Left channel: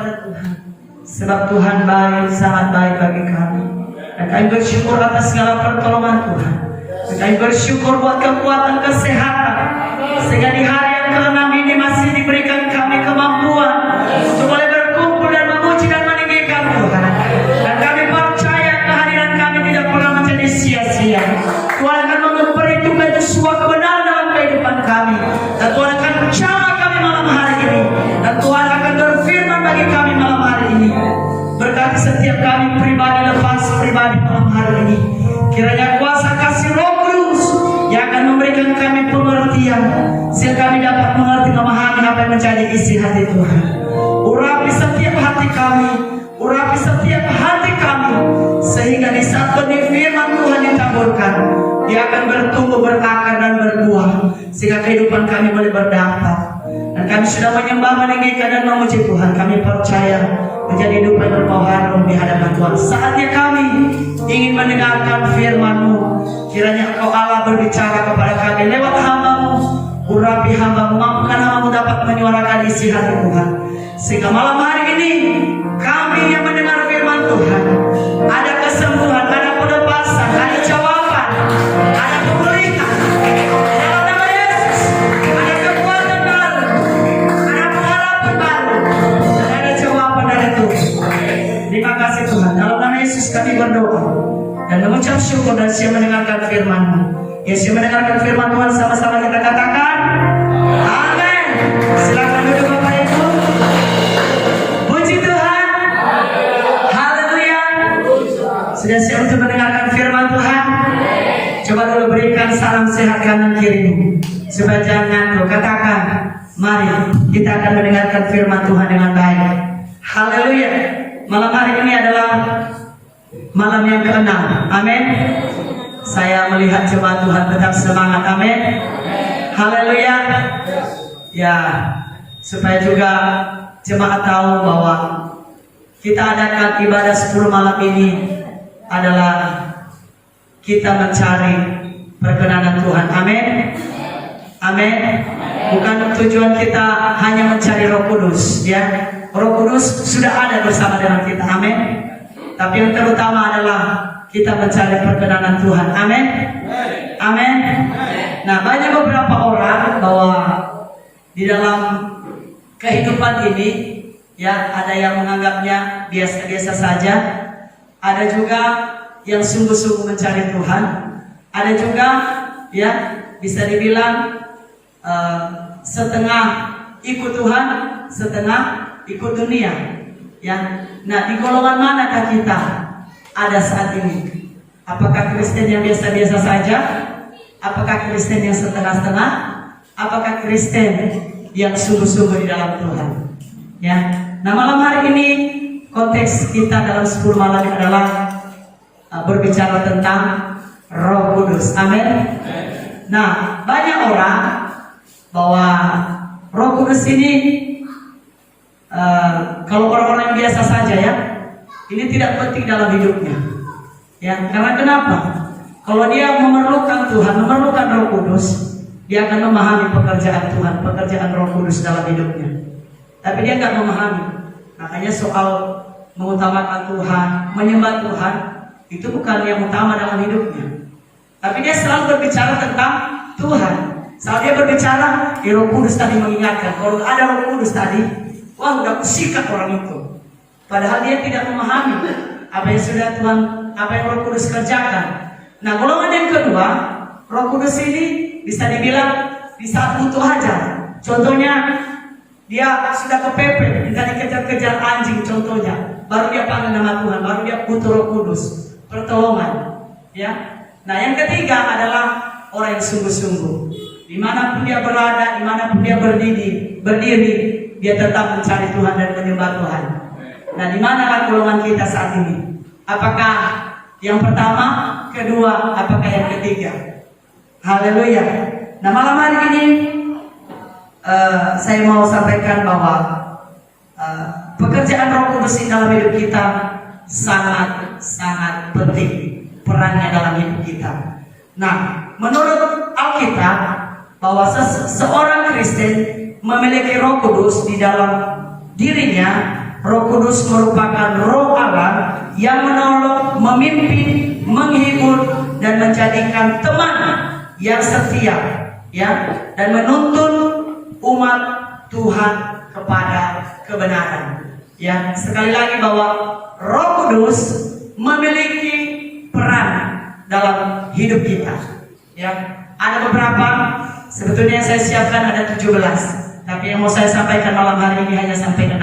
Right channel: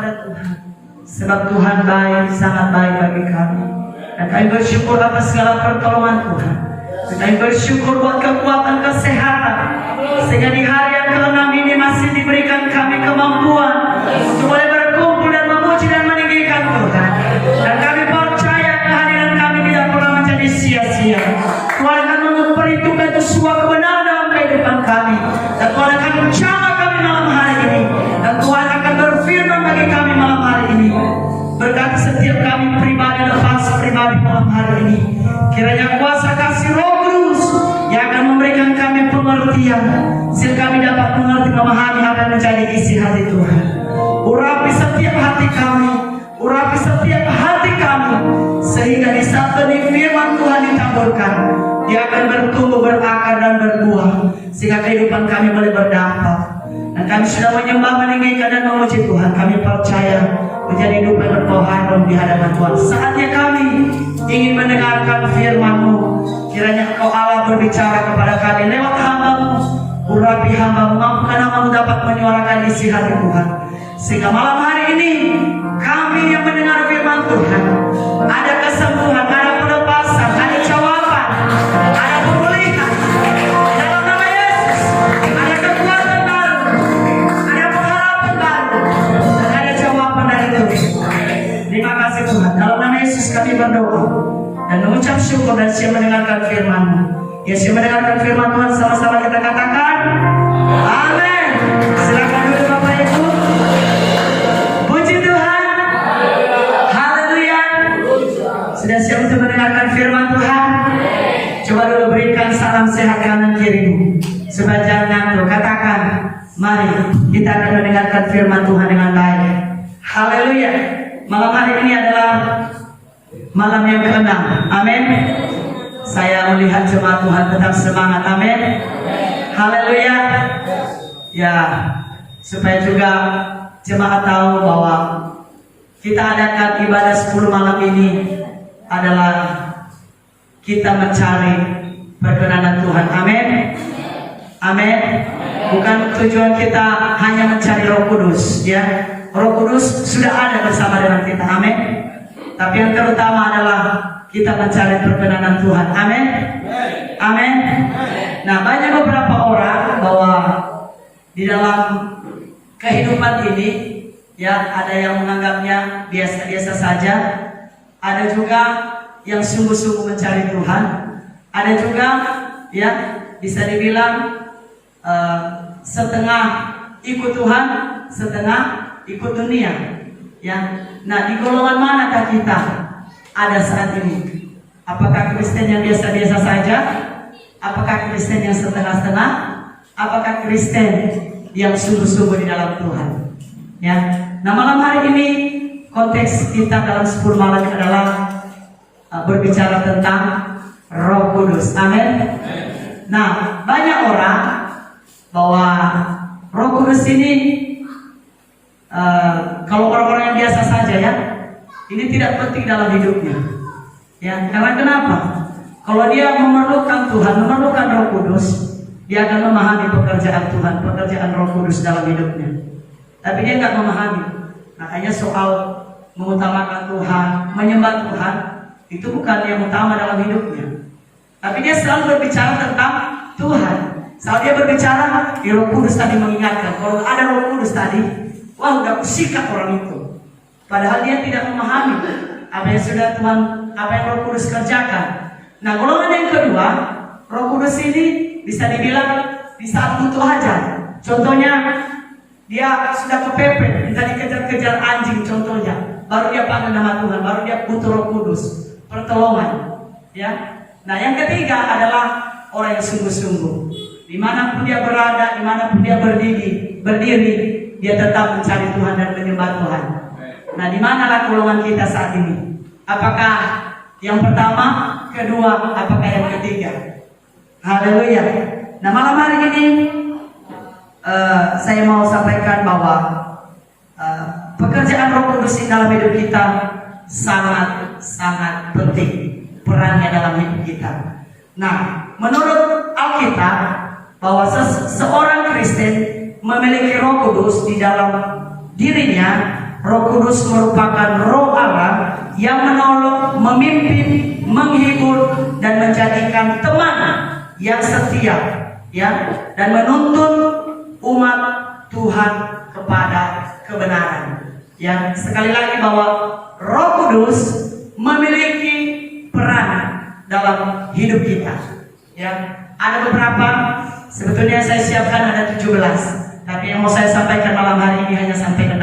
kepada Tuhan, sebab Tuhan baik, sangat baik bagi kami. Dan kami bersyukur atas segala pertolongan Tuhan. Kami bersyukur buat kekuatan kesehatan, sehingga di hari yang ke-6 ini masih diberikan kami kemampuan untuk boleh berkumpul dan memuji dan meninggikan Tuhan. Dan kami percaya kehadiran kami tidak pernah menjadi sia-sia. Tuhan akan memperhitungkan sebuah kebenaran dalam kehidupan kami, dan Tuhan akan menjamah kami malam hari ini, dan Tuhan akan berfirman bagi kami malam hari ini. Berkati setiap kami pribadi lepas pribadi malam hari ini. Kiranya kuasa kasih Roh Kudus yang akan memberikan kami pengertian, sehingga kami dapat mengerti, memahami apa yang menjadi isi hati Tuhan. Urapi setiap hati kami, urapi setiap hati kami, sehingga di saat benih firman Tuhan ditaburkan, dia akan bertumbuh, berakar dan berbuah, sehingga kehidupan kami boleh berdampak. Dan kami sudah menyembah, meninggikan dan memuji Tuhan. Kami percaya menjadi hidup yang berkoharon di hadapan Tuhan. Saatnya kami ingin mendengarkan firman-Mu. Kiranya Engkau Allah berbicara kepada kami lewat hamba-Mu. Urapi hamba-Mu, mampukan hamba-Mu dapat menyuarakan isi hati Tuhan, sehingga malam hari ini kami yang mendengar firman Tuhan ada kesembuhan, ada pelepasan, ada jawaban, ada pemulihan. Dalam nama Yesus ada kekuatan baru, ada pengharapan baru, dan ada jawaban dari Tuhan. Terima kasih Tuhan. Dalam nama Yesus kami berdoa dan mengucap syukur, dan siap mendengarkan firman-Mu. Ya, siap mendengarkan firman Tuhan, sama-sama kita katakan amin. Silakan dulu Bapak Ibu. Puji Tuhan. Haleluya. Sudah siap untuk mendengarkan firman Tuhan? Coba dulu berikan salam sehat kanan kirimu, supaya jangan ngantuk. Katakan, mari kita akan mendengarkan firman Tuhan dengan baik. Haleluya. Malam hari ini adalah malam yang ke-6. Amin. Saya melihat jemaat Tuhan tetap semangat. Amin. Haleluya. Ya, supaya juga jemaat tahu bahwa kita adakan ibadah 10 malam ini adalah kita mencari perkenanan Tuhan. Amin. Amin. Bukan tujuan kita hanya mencari Roh Kudus, ya. Roh Kudus sudah ada bersama dengan kita. Amin. Tapi yang terutama adalah kita mencari perkenanan Tuhan. Amin. Amin. Nah, banyak beberapa orang bahwa di dalam kehidupan ini, ya, ada yang menganggapnya biasa-biasa saja, ada juga yang sungguh-sungguh mencari Tuhan, ada juga, ya, bisa dibilang setengah ikut Tuhan, setengah ikut dunia, ya. Nah, di golongan manakah kita ada saat ini? Apakah Kristen yang biasa-biasa saja? Apakah Kristen yang setengah-setengah? Apakah Kristen yang sungguh-sungguh di dalam Tuhan? Ya. Nah, malam hari ini konteks kita dalam 10 malam adalah berbicara tentang Roh Kudus. Amin. Nah, banyak orang bahwa Roh Kudus ini kalau orang-orang yang biasa saja, ya, ini tidak penting dalam hidupnya, ya. Karena kenapa? Kalau dia memerlukan Tuhan, memerlukan Roh Kudus, dia akan memahami pekerjaan Tuhan, pekerjaan Roh Kudus dalam hidupnya. Tapi dia nggak memahami. Makanya soal mengutamakan Tuhan, menyembah Tuhan, itu bukan yang utama dalam hidupnya. Tapi dia selalu berbicara tentang Tuhan. Selalu dia berbicara, Roh Kudus tadi mengingatkan. Kalau ada Roh Kudus tadi, wah, udah kusikat orang itu. Padahal dia tidak memahami apa yang sudah Tuhan, apa yang Roh Kudus kerjakan. Nah, golongan yang kedua, Roh Kudus ini bisa dibilang di saat butuh aja. Contohnya, dia sudah kepepet, minta dikejar-kejar anjing, contohnya, baru dia panggil nama Tuhan, baru dia butuh Roh Kudus, pertolongan, ya. Nah, yang ketiga adalah orang yang sungguh-sungguh. Dimanapun dia berada, dimanapun dia berdiri, dia tetap mencari Tuhan dan menyembah Tuhan. Nah, di mana golongan kita saat ini? Apakah yang pertama, kedua, apakah yang ketiga? Haleluya. Nah, malam hari ini saya mau sampaikan bahwa pekerjaan Roh Kudus dalam hidup kita sangat penting perannya dalam hidup kita. Nah, menurut Alkitab bahwa seorang Kristen memiliki Roh Kudus di dalam dirinya Roh Kudus merupakan roh Allah yang menolong, memimpin, menghibur, dan menjadikan teman yang setia, ya, dan menuntun umat Tuhan kepada kebenaran. Ya, sekali lagi bahwa Roh Kudus memiliki peran dalam hidup kita. Ya, ada beberapa, sebetulnya saya siapkan ada 17, tapi yang mau saya sampaikan malam hari ini hanya sampai 6.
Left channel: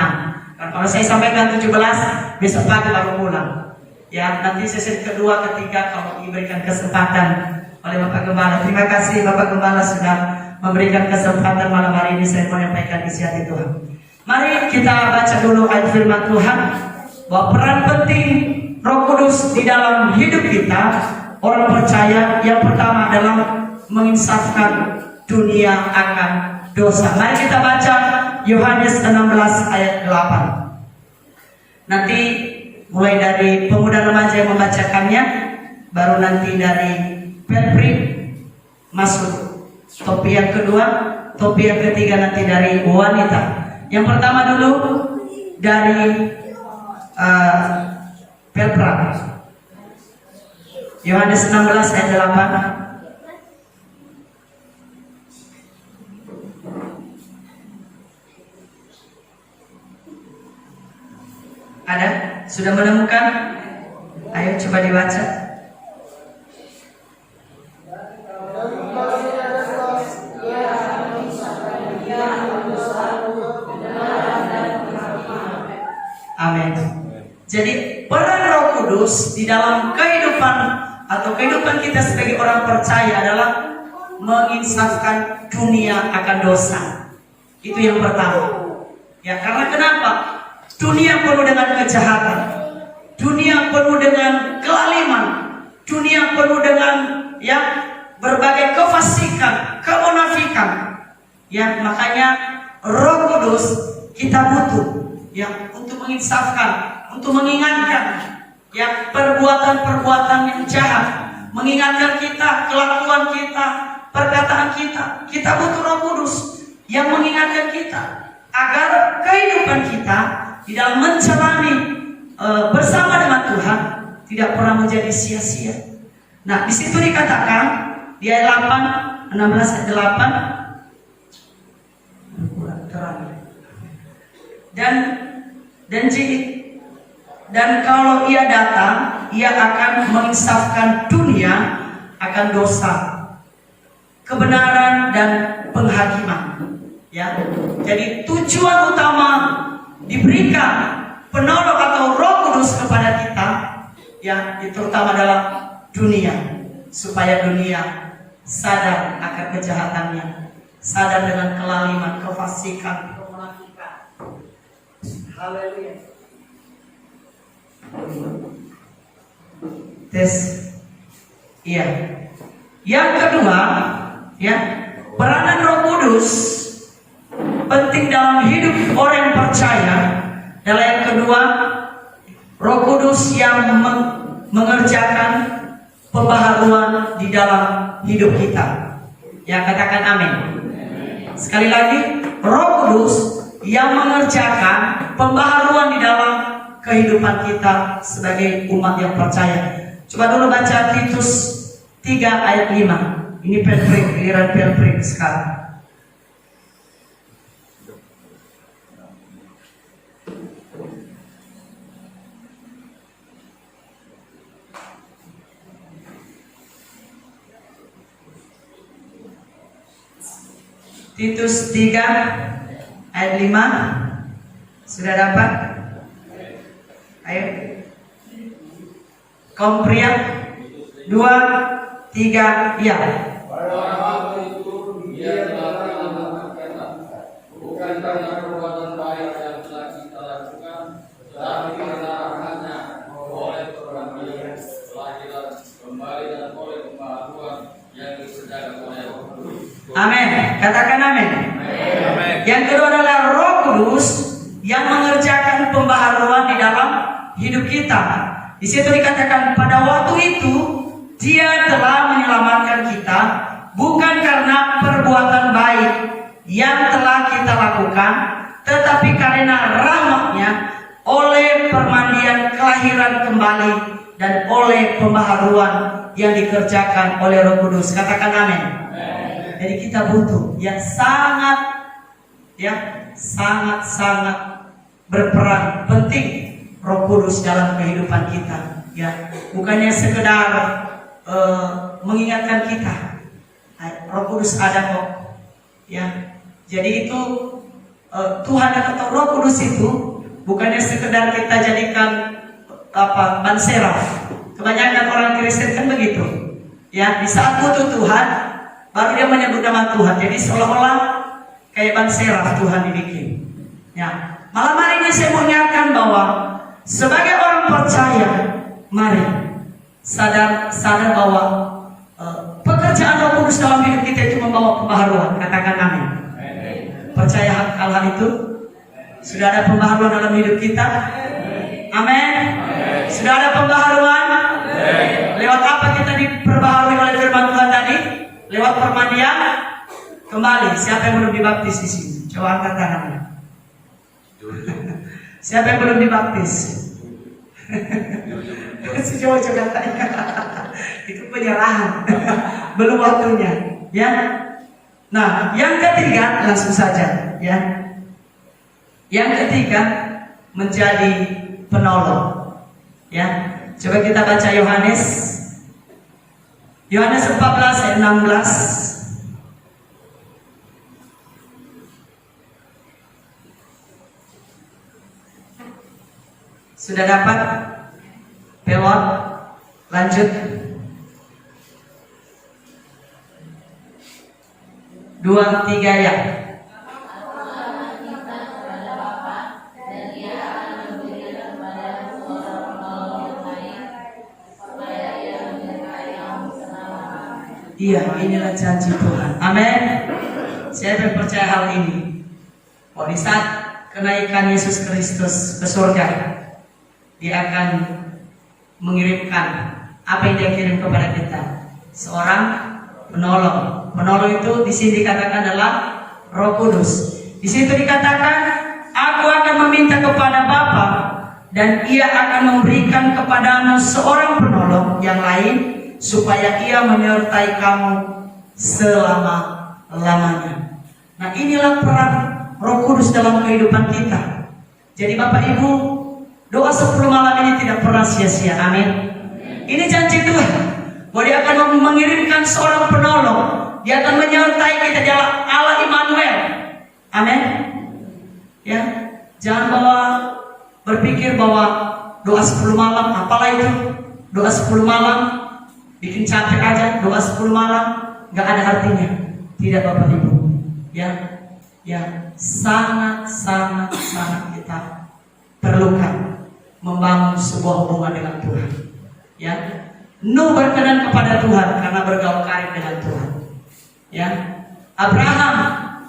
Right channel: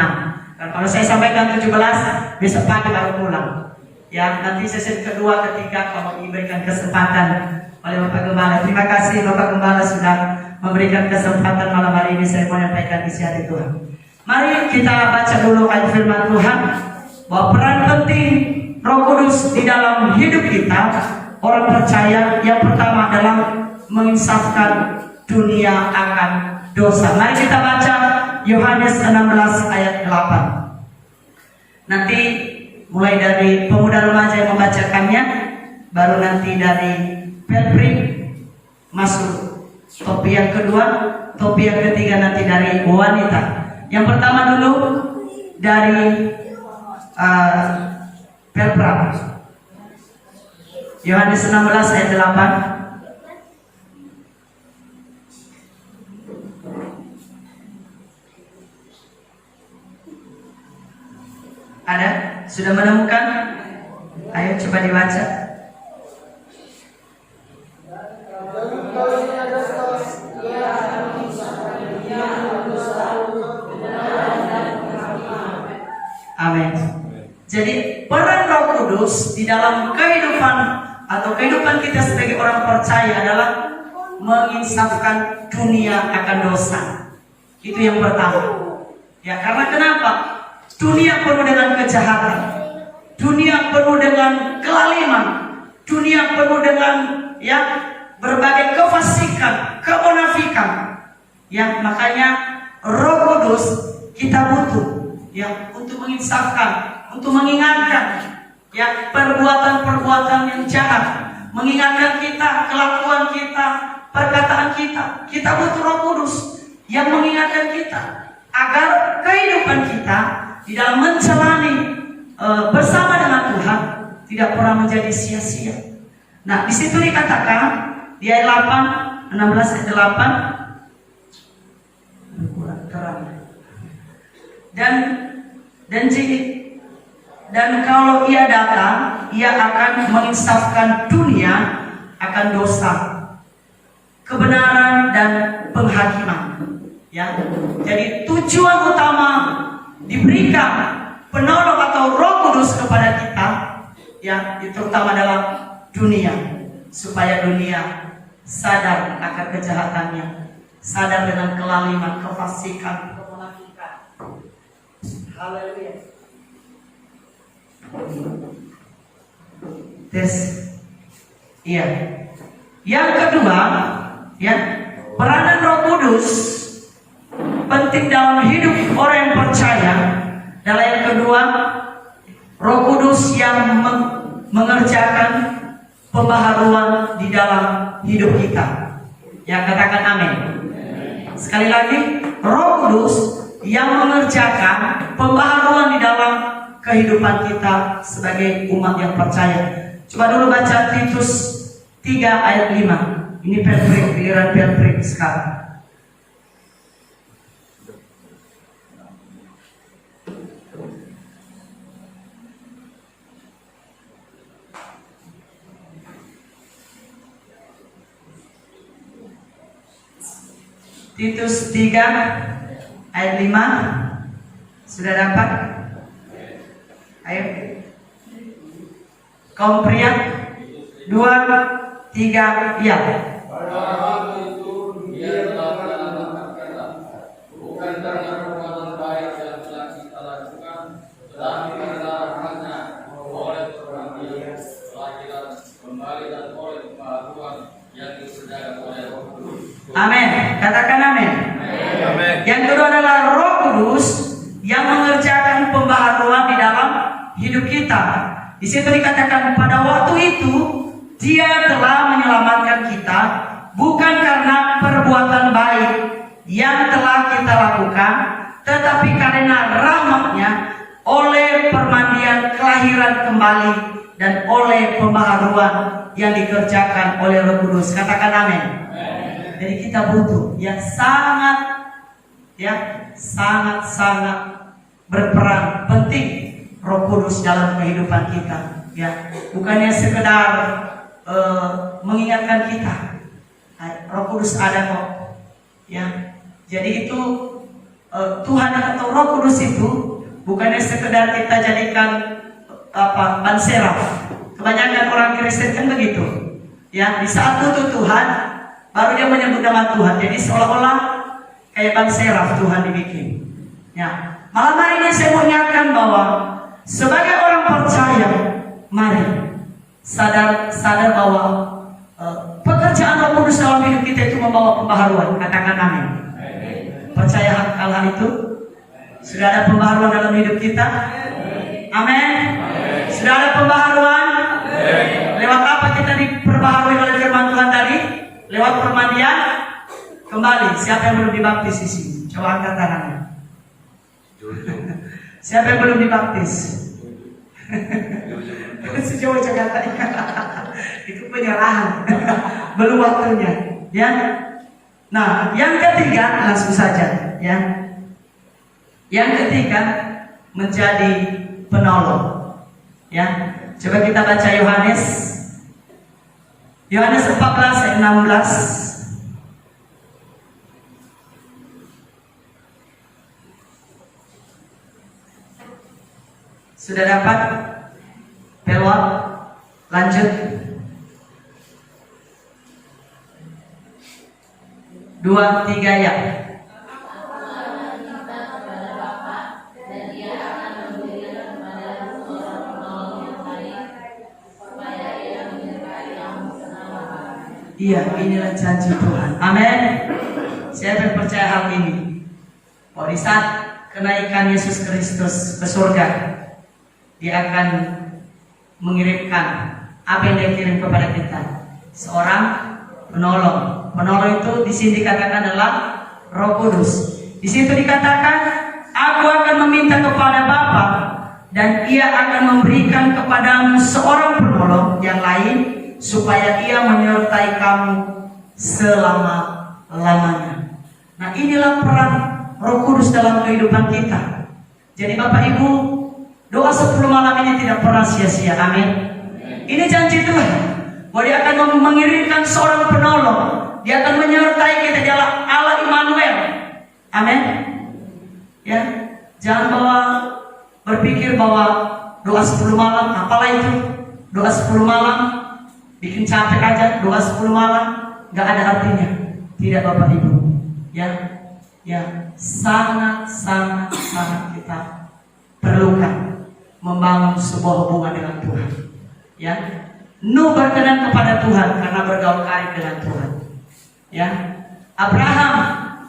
Dan kalau saya sampaikan 17, besok pagi baru pulang. Ya, nanti sesi kedua, ketiga kalau diberikan kesempatan oleh Bapak Gembala. Terima kasih Bapak Gembala sudah memberikan kesempatan malam hari ini saya menyampaikan isi hati Tuhan. Mari kita baca dulu ayat firman Tuhan bahwa peran penting Roh Kudus di dalam hidup kita orang percaya. Yang pertama adalah menginsafkan dunia akan dosa. Mari kita baca Yohanes 16 ayat 8. Nanti mulai dari pemuda remaja yang membacakannya, baru nanti dari Pelpri masuk topi yang kedua, topi yang ketiga nanti dari wanita. Yang pertama dulu dari Pelpra, Yohanes 16 ayat 8. Ada? Sudah menemukan? Ayo coba dibaca. Amin. Jadi peran Roh Kudus di dalam kehidupan atau kehidupan kita sebagai orang percaya adalah menginsafkan dunia akan dosa. Itu yang pertama. Ya, karena kenapa? Dunia penuh dengan kejahatan, dunia penuh dengan kelaliman, dunia penuh dengan berbagai kefasikan, kemunafikan. Ya, makanya Roh Kudus kita butuh untuk menginsafkan, untuk mengingatkan perbuatan-perbuatan yang jahat, mengingatkan kita kelakuan kita, perkataan kita. Kita butuh Roh Kudus yang mengingatkan kita agar kehidupan kita di dalam menjalani bersama dengan Tuhan tidak pernah menjadi sia-sia. Nah, di situ dikatakan di ayat 8, 16 ayat 8. Dan kalau ia datang, ia akan menginsafkan dunia akan dosa, kebenaran dan penghakiman. Ya, jadi tujuan utama diberikan penolong atau Roh Kudus kepada kita, itu terutama dalam dunia, supaya dunia sadar akan kejahatannya, sadar dengan kelaliman, kefasikan, kemunafikan. Haleluya. Tes. Iya. Yang kedua, peranan Roh Kudus penting dalam hidup orang yang percaya. Adalah yang kedua, Roh Kudus yang mengerjakan pembaharuan di dalam hidup kita. Yang katakan amin. Sekali lagi, Roh Kudus yang mengerjakan pembaharuan di dalam kehidupan kita sebagai umat yang percaya. Coba dulu baca Titus 3 ayat 5. Ini Pelpri sekarang. Titus 3 ayat 5. Sudah dapat? Ayo. Kaum pria 2, 3, ya. Bukan karena perbuatan baik yang telah kita lakukan, tetapi karena rahmat-Nya oleh perbuatan telah kita kembali dan oleh pembaharuan yang dikerjakan oleh Roh Kudus. Amin. Katakan amin. Amin. Yang kedua adalah Roh Kudus yang mengerjakan pembaharuan di dalam hidup kita. Di situ dikatakan pada waktu itu Dia telah menyelamatkan kita bukan karena perbuatan baik yang telah kita lakukan, tetapi karena rahmat-Nya oleh permandian kelahiran kembali dan oleh pembaharuan yang dikerjakan oleh Roh Kudus. Katakan amin. Jadi kita butuh yang sangat berperan penting Roh Kudus dalam kehidupan kita. Ya, bukannya sekedar mengingatkan kita. Roh Kudus ada kok. Ya, jadi itu Tuhan atau Roh Kudus itu bukannya sekedar kita jadikan ban seraf. Kebanyakan orang Kristen kan begitu. Ya, di saat butuh Tuhan baru dia menyebut nama Tuhan. Jadi seolah-olah kayak ban seraf Tuhan dibikin. Ya, malam hari ini saya mau ingatkan bahwa sebagai orang percaya, mari sadar bahwa pekerjaan Roh Kudus dalam hidup kita itu membawa pembaharuan. Katakan amin. Percaya hal itu? Sudah ada pembaharuan dalam hidup kita? Amin. Sudah ada pembaharuan? Lewat apa kita diperbaharui oleh firman Tuhan tadi? Lewat permandian kembali. Siapa yang belum dibaptis di sini? Coba angkat tangannya. Siapa yang belum dibaptis? Sejauh katanya. Itu penyerahan. Belum waktunya. Ya. Nah, yang ketiga langsung saja. Ya. Yang ketiga menjadi penolong. Ya. Coba kita baca Yohanes 14 ayat 16. Sudah dapat? Pelot? Lanjut. 2, 3 ya. Iya, inilah janji Tuhan. Amin. Siapa yang percaya hal ini? Di saat kenaikan Yesus Kristus ke surga, Dia akan mengirimkan apa yang Dia kirim kepada kita, seorang penolong. Penolong itu di sini dikatakan adalah Roh Kudus. Di situ dikatakan, Aku akan meminta kepada Bapa dan Ia akan memberikan kepadamu seorang penolong yang lain, supaya Ia menyertai kamu selama-lamanya. Nah, inilah peran Roh Kudus dalam kehidupan kita. Jadi Bapak Ibu, doa 10 malam ini tidak pernah sia-sia. Amin. Ini janji Tuhan bahwa Dia akan mengirimkan seorang penolong. Dia akan menyertai kita. Dia Allah Immanuel. Amin. Ya, jangan berpikir bahwa doa 10 malam apalah itu. Doa 10 malam bikin capek aja, doa 10 malam gak ada artinya. Tidak Bapak Ibu. Ya, sangat kita perlukan membangun sebuah hubungan dengan Tuhan. Ya, Nuh berkenan kepada Tuhan karena bergaul karib dengan Tuhan. Ya, Abraham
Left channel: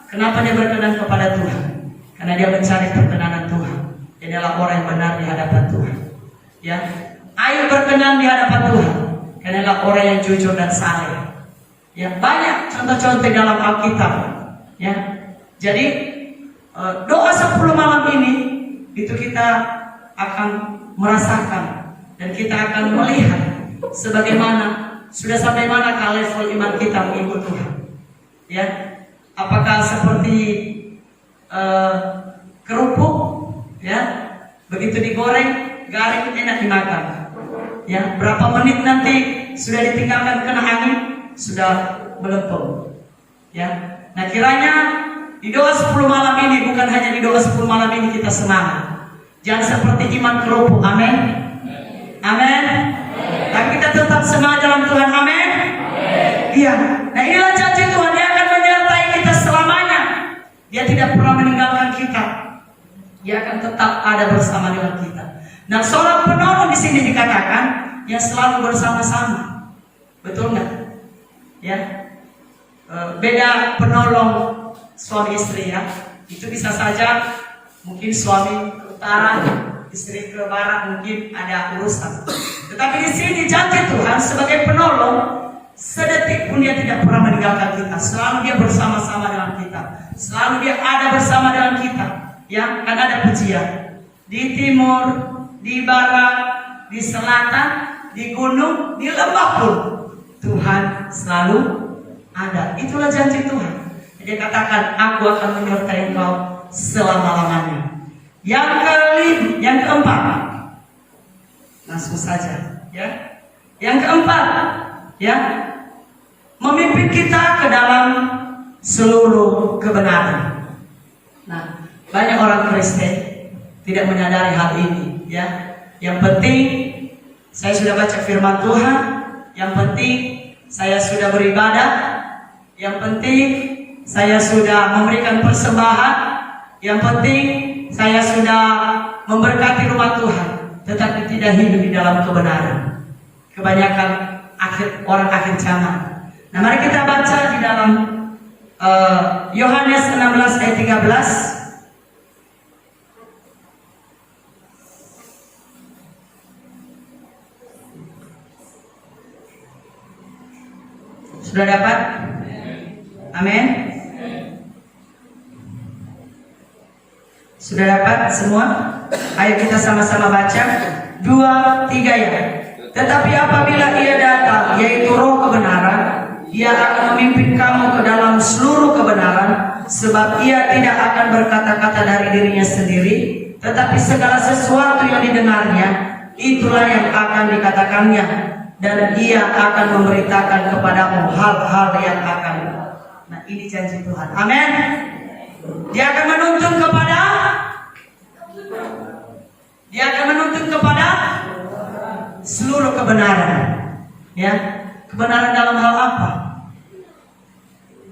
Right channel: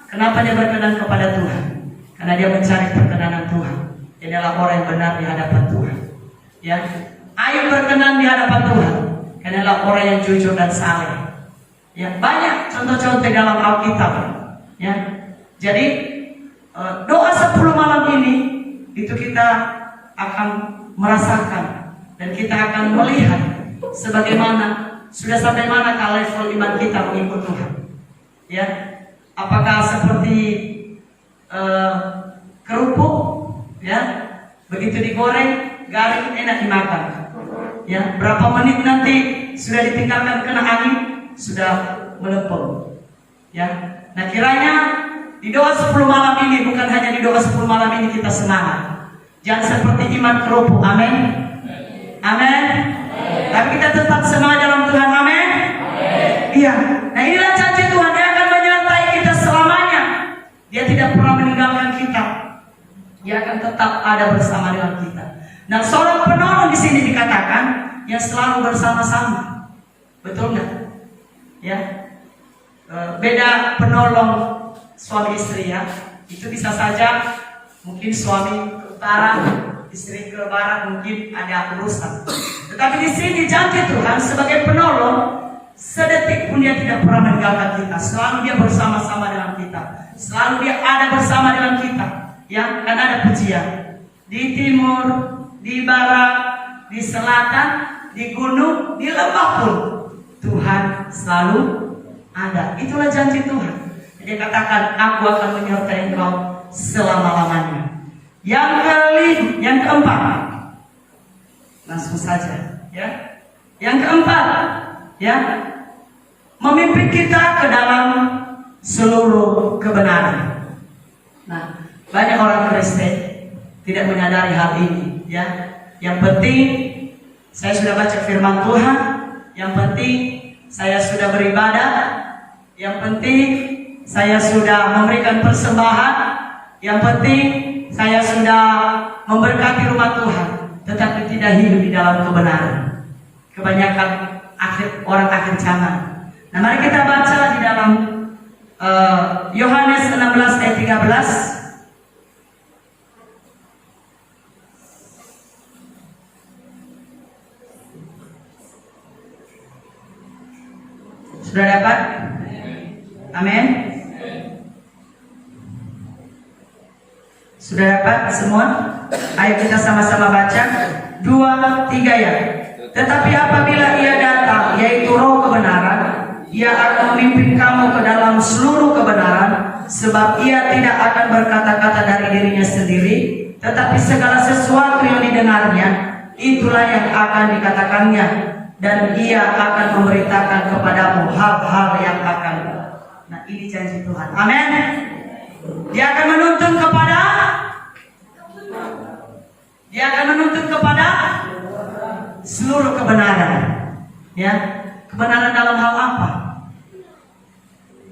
kenapa dia berkenan kepada Tuhan? Karena dia mencari perkenanan Tuhan. Dia adalah orang yang benar di hadapan Tuhan. Ya, Ayub berkenan di hadapan Tuhan karena adalah orang yang jujur dan saleh. Ya, banyak contoh-contoh dalam Alkitab. Ya, jadi doa 10 malam ini itu kita akan merasakan dan kita akan melihat sebagaimana sudah sampai mana level iman kita mengikut Tuhan. Ya, apakah seperti kerupuk, ya, begitu digoreng garing enak dimakan. Ya, berapa menit nanti sudah ditinggalkan kena angin sudah melempem. Ya, nah kiranya di doa 10 malam ini, bukan hanya di doa 10 malam ini kita semangat. Jangan seperti iman kerupuk. Amin. Amin. Dan kita tetap semangat dalam Tuhan. Amin. Iya. Nah, inilah janji Tuhan. Dia akan menyertai kita selamanya. Dia tidak pernah meninggalkan kita. Dia akan tetap ada bersama dengan kita. Nah, seorang penolong di sini dikatakan yang selalu bersama-sama. Betul nggak? Ya. Beda penolong suami istri, ya. Itu bisa saja mungkin suami ke utara, istri ke barat, mungkin ada urusan. Tetapi di sini janji Tuhan sebagai penolong, sedetik pun Dia tidak pernah meninggalkan kita. Selalu Dia bersama-sama dengan kita. Selalu Dia ada bersama dengan kita. Ya, kan ada pujian. di timur, di barat, di selatan, di gunung, di lembah pun Tuhan selalu ada. Itulah janji Tuhan. Dia katakan, aku akan menyertai engkau selama-lamanya. Yang keempat, langsung saja, ya. Yang keempat, ya, memimpin kita ke dalam seluruh kebenaran. Nah, banyak orang Kristen tidak menyadari hal ini, ya. Yang penting saya sudah baca firman Tuhan, yang penting saya sudah beribadah, yang penting saya sudah memberikan persembahan, yang penting saya sudah memberkati rumah Tuhan, tetapi tidak hidup di dalam kebenaran. Kebanyakan orang akhir zaman. Nah, mari kita baca di dalam Yohanes 16 ayat 13. Sudah dapat? Amin. Sudah dapat semua? Ayo kita sama-sama baca. 2, 3 ya. Tetapi apabila ia datang, yaitu Roh kebenaran, ia akan memimpin kamu ke dalam seluruh kebenaran, sebab ia tidak akan berkata-kata dari dirinya sendiri, tetapi segala sesuatu yang didengarnya, itulah yang akan dikatakannya, dan ia akan memberitakan kepadamu hal-hal yang akan. Nah, ini janji Tuhan. Amin. Dia akan menuntun kepada seluruh kebenaran. Ya, kebenaran dalam hal apa?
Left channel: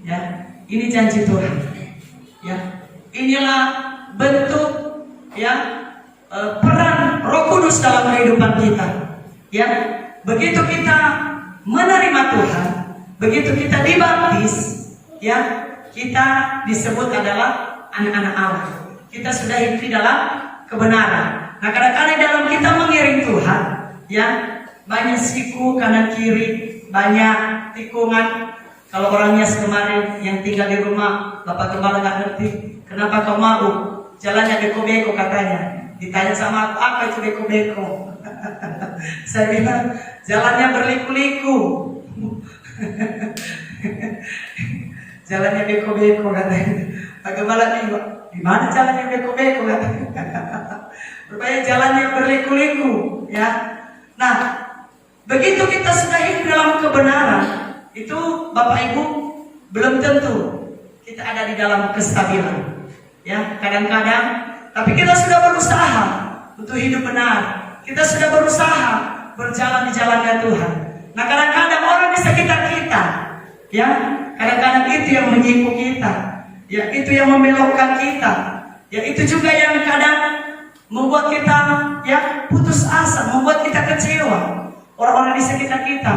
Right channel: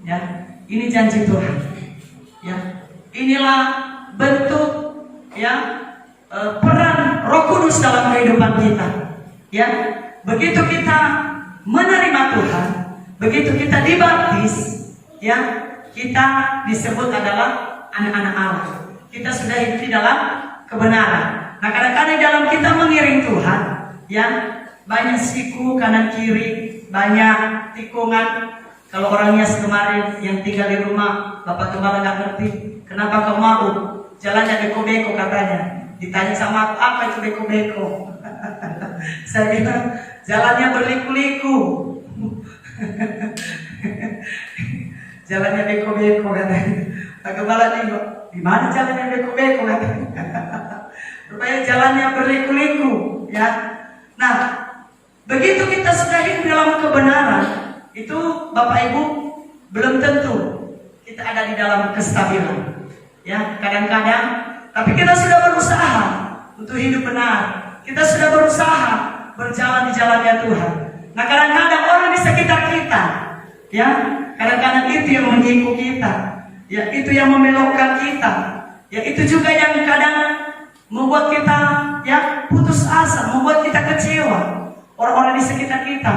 Ya, ini janji Tuhan. Ya, inilah bentuk, ya, peran Roh Kudus dalam kehidupan kita. Ya, begitu kita menerima Tuhan, begitu kita dibaptis, ya, kita disebut adalah anak-anak Allah. Kita sudah hidup di dalam kebenaran. Nah, kadang-kadang dalam kita mengiring Tuhan, ya, banyak siku kanan kiri, banyak tikungan. Kalau orangnya kemarin yang tinggal di rumah, Bapak Gembala nggak ngerti, kenapa kau mau jalannya beko-beko katanya. Ditanya sama aku, apa itu beko-beko? Saya bilang jalannya berliku-liku. Jalannya beko-beko katanya. Pak Gembala nih, di mana jalannya beko-beko katanya? Rupanya jalannya berliku-liku, ya. Nah, begitu kita sudah hidup dalam kebenaran, itu Bapak Ibu belum tentu kita ada di dalam kestabilan. Ya, kadang-kadang, tapi kita sudah berusaha untuk hidup benar. Kita sudah berusaha berjalan di jalannya Tuhan. Nah, kadang-kadang orang di sekitar kita, ya, kadang-kadang itu yang menyiku kita, ya, itu yang membelokkan kita, ya, itu juga yang kadang membuat kita, ya, putus asa, membuat kita kecewa, orang-orang di sekitar kita.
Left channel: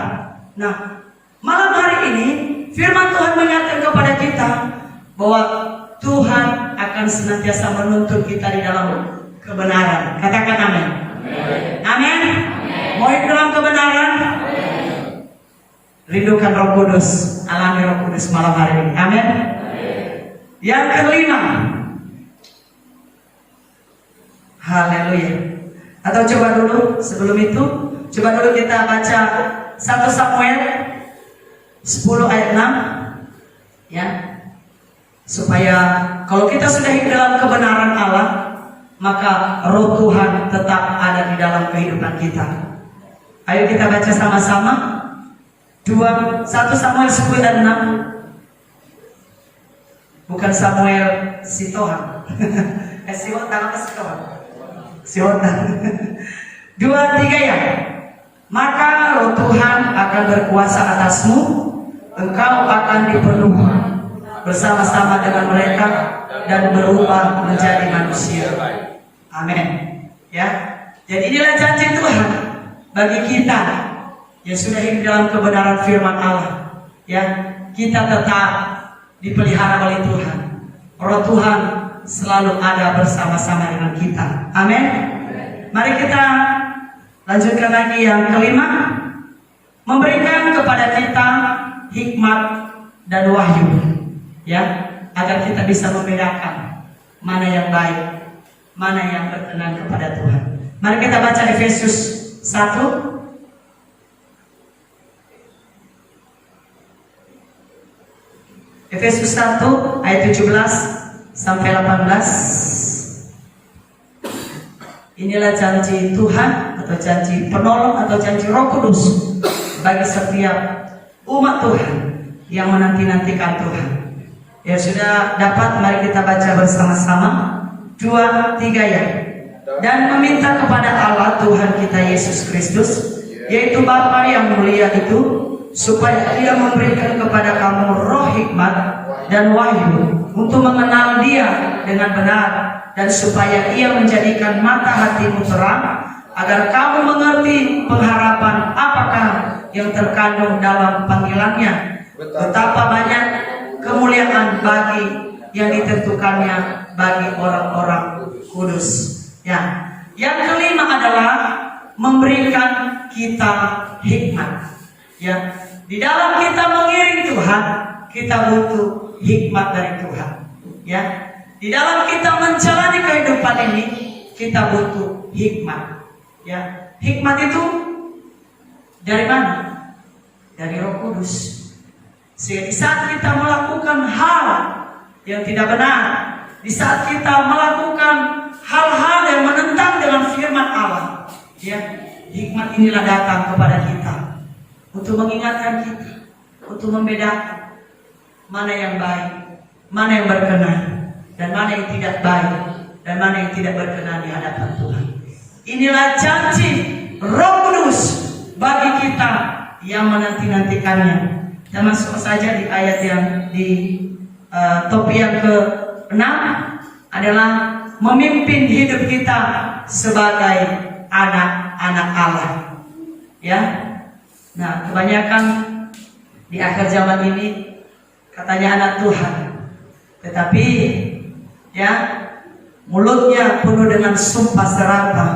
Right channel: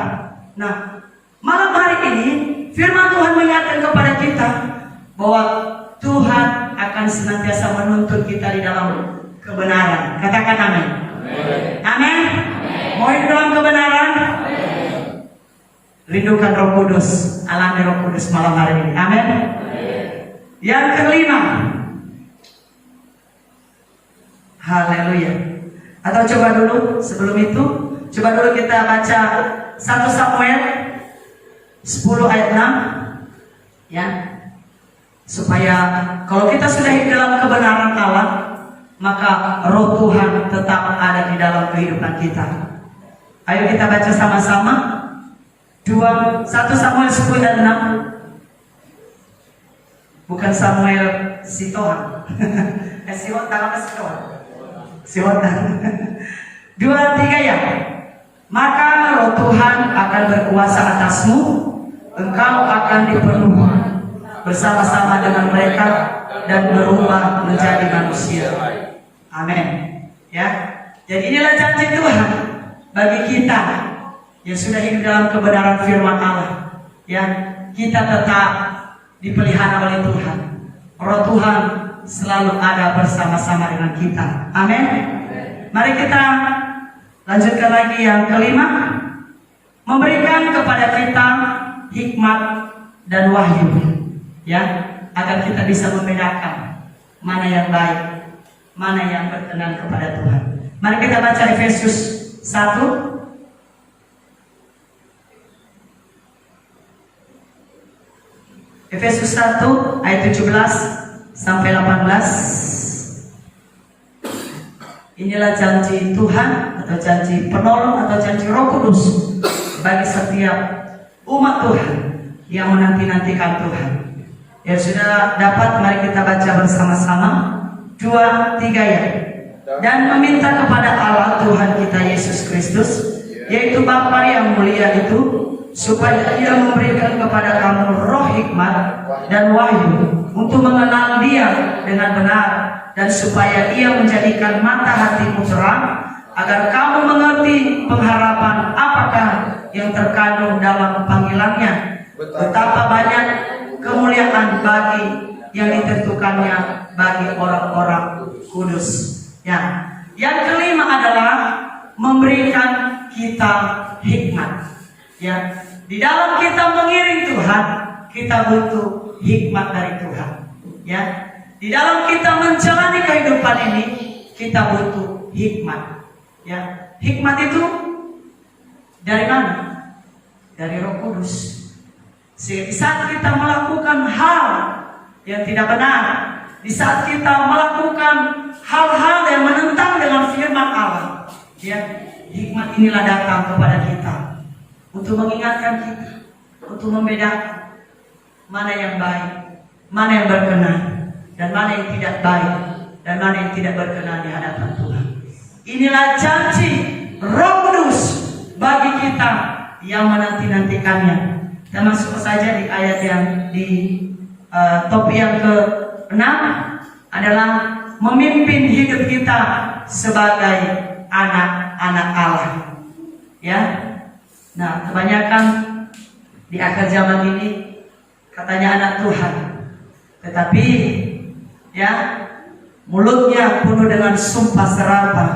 Nah, malam hari ini firman Tuhan mengatakan kepada kita bahwa Tuhan akan senantiasa menuntun kita di dalam kebenaran. Katakan amin. Amin. Mau hidup dalam kebenaran? Rindukan Roh Kudus, alami Roh Kudus malam hari ini. Amin. Yang kelima, haleluya. Atau coba dulu sebelum itu, coba dulu kita baca 1 Samuel 10 ayat 6, ya, supaya kalau kita sudah hidup dalam kebenaran Allah, maka Roh Tuhan tetap ada di dalam kehidupan kita. Ayo kita baca sama-sama. 1 Samuel 10 ayat 6. Bukan Samuel Sitohan. Sihotan apa Sitohan? Sihotan. 2, 3 ya. Maka Roh Tuhan akan berkuasa atasmu, engkau akan dipenuhi bersama-sama dengan mereka dan berubah menjadi manusia. Amin. Ya. Jadi inilah janji Tuhan bagi kita yang sudah hidup dalam kebenaran firman Allah. Ya, kita tetap dipelihara oleh Tuhan. Roh Tuhan selalu ada bersama-sama dengan kita. Amin. Mari kita lanjutkan lagi yang kelima, memberikan kepada kita hikmat dan wahyu, ya, agar kita bisa membedakan mana yang baik, mana yang berkenan kepada Tuhan. Mari kita baca Efesus 1 Efesus 1 ayat 17 sampai 18. Inilah janji Tuhan atau janji penolong atau janji Roh Kudus bagi setiap umat Tuhan yang menanti-nantikan Tuhan. Ya sudah dapat, mari kita baca bersama-sama 2-3 ya. Dan meminta kepada Allah Tuhan kita Yesus Kristus, yaitu Bapa yang mulia itu, supaya Ia memberikan kepada kamu roh hikmat dan wahyu untuk mengenal Dia dengan benar, dan supaya Ia menjadikan mata hatimu terang, agar kamu mengerti pengharapan apakah yang terkandung dalam panggilannya, betapa banyak kemuliaan bagi yang ditentukannya bagi orang-orang kudus. Ya, yang kelima adalah memberikan kita hikmat. Ya, di dalam kita mengiring Tuhan, kita butuh hikmat dari Tuhan. Ya, di dalam kita menjalani kehidupan ini, kita butuh hikmat. Ya, hikmat itu dari mana? Dari Roh Kudus. Sehingga di saat kita melakukan hal yang tidak benar, di saat kita melakukan hal-hal yang menentang dalam firman Allah, ya, hikmat inilah datang kepada kita untuk mengingatkan kita, untuk membedakan mana yang baik, mana yang berkenan, dan mana yang tidak baik, dan mana yang tidak berkenan di hadapan Tuhan. Inilah janji Roh Kudus bagi kita yang menanti-nantikannya. Dan masuk saja di ayat yang di topik yang ke-6 adalah memimpin hidup kita sebagai anak-anak Allah. Ya. Nah, kebanyakan di akhir zaman ini katanya anak Tuhan, tetapi ya mulutnya penuh dengan sumpah serapah.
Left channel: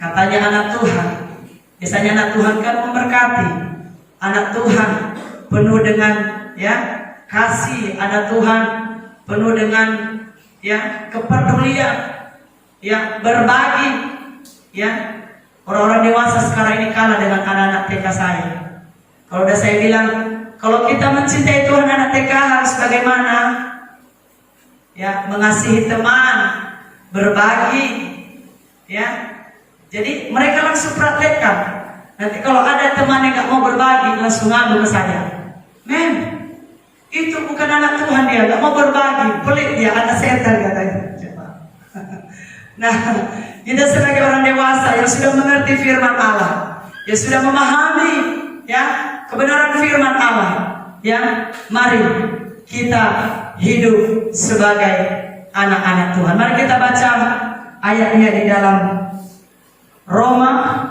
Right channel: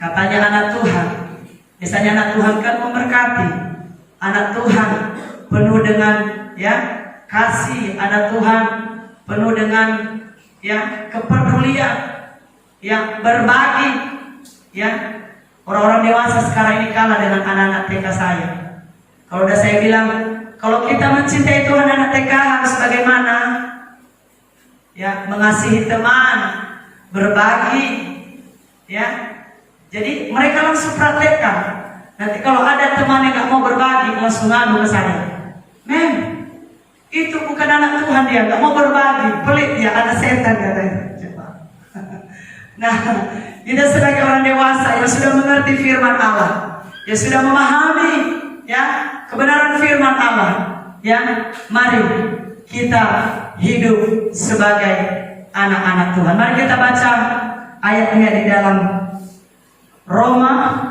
Katanya anak Tuhan. Biasanya anak Tuhan kan memberkati. Anak Tuhan penuh dengan ya kasih, anak Tuhan penuh dengan ya kepedulian, ya berbagi. Ya, orang-orang dewasa sekarang ini kalah dengan anak-anak TK saya. Kalau udah saya bilang, kalau kita mencintai Tuhan, anak TK harus bagaimana? Ya, mengasihi teman, berbagi. Ya, jadi mereka langsung praktekkan. Nanti kalau ada teman yang gak mau berbagi, langsung ngadu ke saya. Men, itu bukan anak Tuhan, dia gak mau berbagi, pelit dia, anak setan katanya. Coba. Nah, kita sebagai orang dewasa yang sudah mengerti firman Allah, yang sudah memahami ya kebenaran firman Allah, ya mari kita hidup sebagai anak-anak Tuhan. Mari kita baca ayatnya di dalam Roma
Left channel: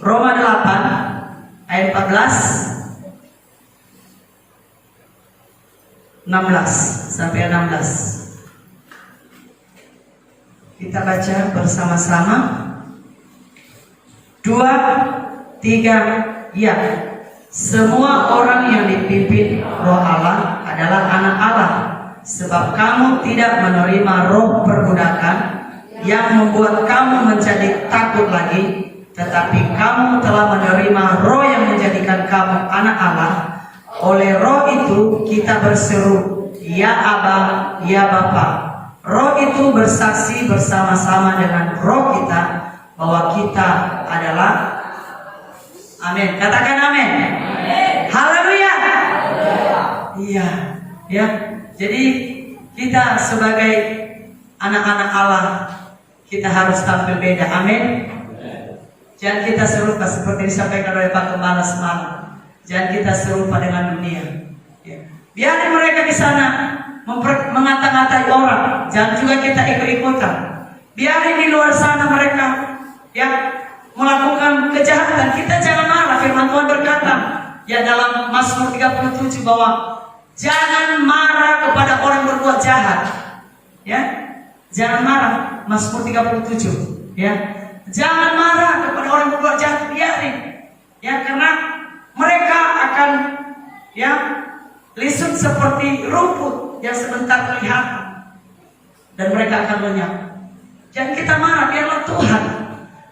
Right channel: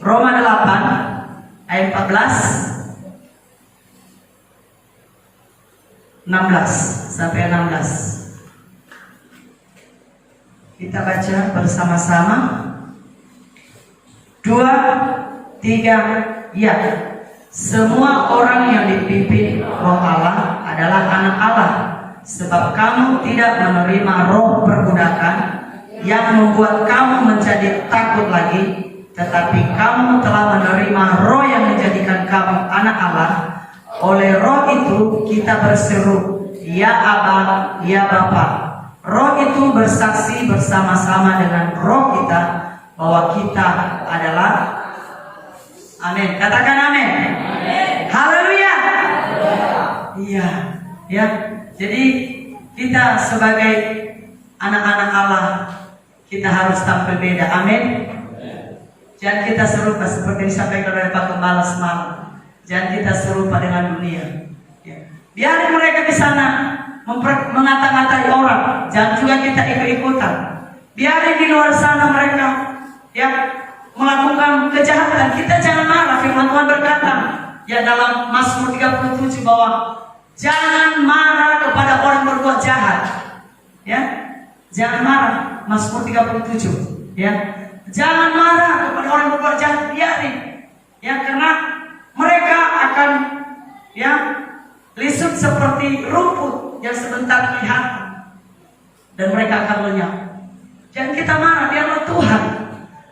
8 ayat 16 sampai 16. Kita baca bersama-sama. 2, 3, ya. Semua orang yang dipimpin Roh Allah adalah anak Allah, sebab kamu tidak menerima roh perbudakan yang membuat kamu menjadi takut lagi, tetapi kamu telah menerima roh yang menjadikan kamu anak Allah. Oleh roh itu kita berseru, ya Aba, ya Bapa. Roh itu bersaksi bersama-sama dengan roh kita bahwa kita adalah, amin. Katakan amin. Haleluya. Iya, ya. Jadi kita sebagai anak-anak Allah, kita harus tampil beda. Amin. Jangan kita serupa seperti disampaikan oleh Pak Gembala semalam. Jangan kita serupa dengan dunia. Ya. Biar mereka di sana mengata-ngatai orang, jangan juga kita ikut-ikutan. Biar di luar sana mereka ya melakukan kejahatan, kita jangan marah. Firman Tuhan berkata ya dalam Mazmur 37 bahwa jangan marah kepada orang berbuat jahat. Ya, jangan marah. Mazmur 37. Ya, jangan marah kepada orang berbuat jahat. Biarin. Ya, karena mereka akan ya lisut seperti rumput yang sebentar kelihatan. dan mereka akan lenyap. Jangan kita marah, dialah Tuhan.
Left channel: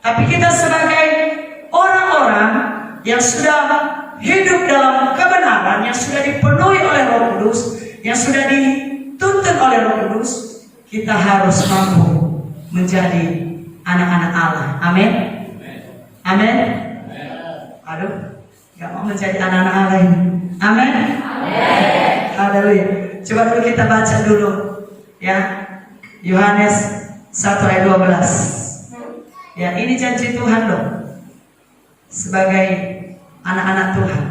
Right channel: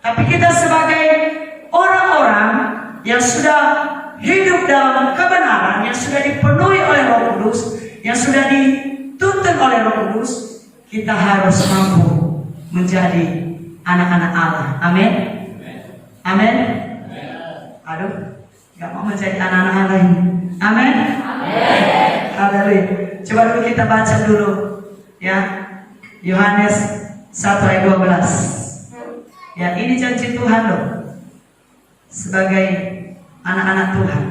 Tapi kita sebagai orang-orang yang sudah hidup dalam kebenaran, yang sudah dipenuhi oleh Roh Kudus, yang sudah dituntun oleh Roh Kudus, kita harus mampu menjadi anak-anak Allah. Amin. Amin. Aduh, gak mau menjadi anak-anak Allah ini. Amin. Haleluya. Coba dulu kita baca dulu, ya, Yohanes 1 ayat 12. Ya, ini janji Tuhan loh, sebagai anak-anak Tuhan.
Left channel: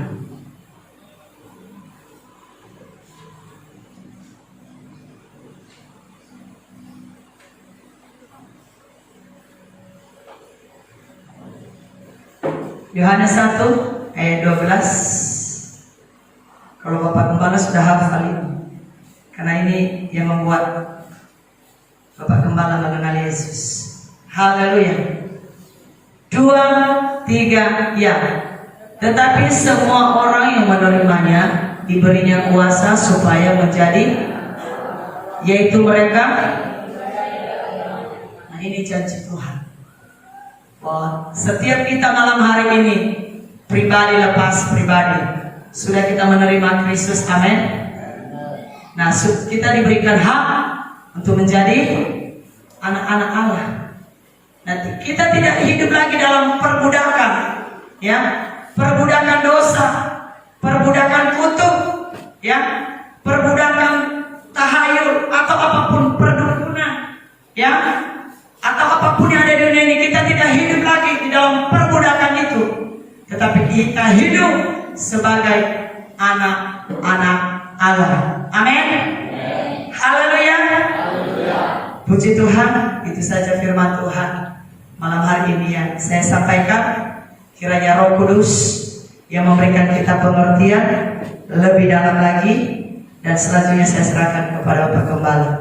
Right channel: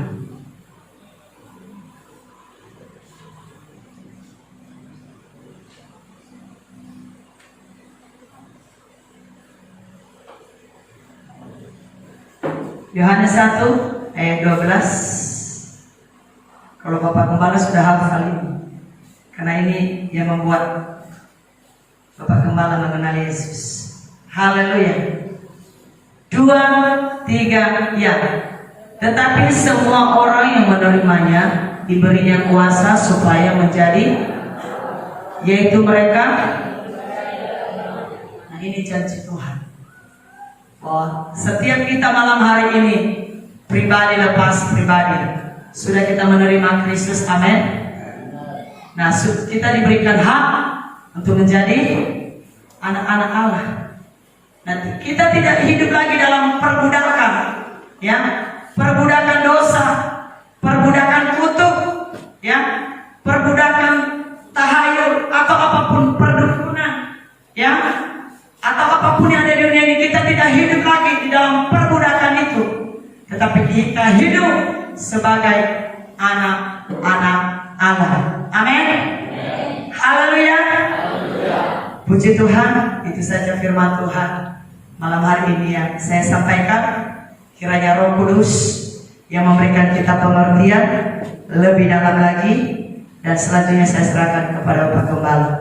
Yohanes 1 ayat 12. Kalau Bapak Gembala sudah hafal ini, karena ini yang membuat Bapak Gembala mengenal Yesus. Haleluya. 2, 3, ya. Tetapi semua orang yang menerimanya diberinya kuasa supaya menjadi, yaitu mereka. Nah, ini janji Tuhan. Wah, setiap kita malam hari ini, pribadi lepas pribadi, sudah kita menerima Kristus. Amin. Nah, kita diberikan hak untuk menjadi anak-anak Allah. Nanti kita tidak hidup lagi dalam perbudakan, ya, perbudakan dosa, perbudakan kutuk, ya, perbudakan tahayul atau apapun perdukunan, ya, atau apapun yang ada di dunia ini. Kita tidak hidup lagi di dalam perbudakan itu, tetapi kita hidup sebagai anak-anak Allah. Amin. Haleluya. Puji Tuhan. Itu saja firman Tuhan malam hari ini yang saya sampaikan. Kiranya Roh Kudus yang memberikan kita pengertian lebih dalam lagi, dan selanjutnya saya serahkan kepada Bapak Gembala.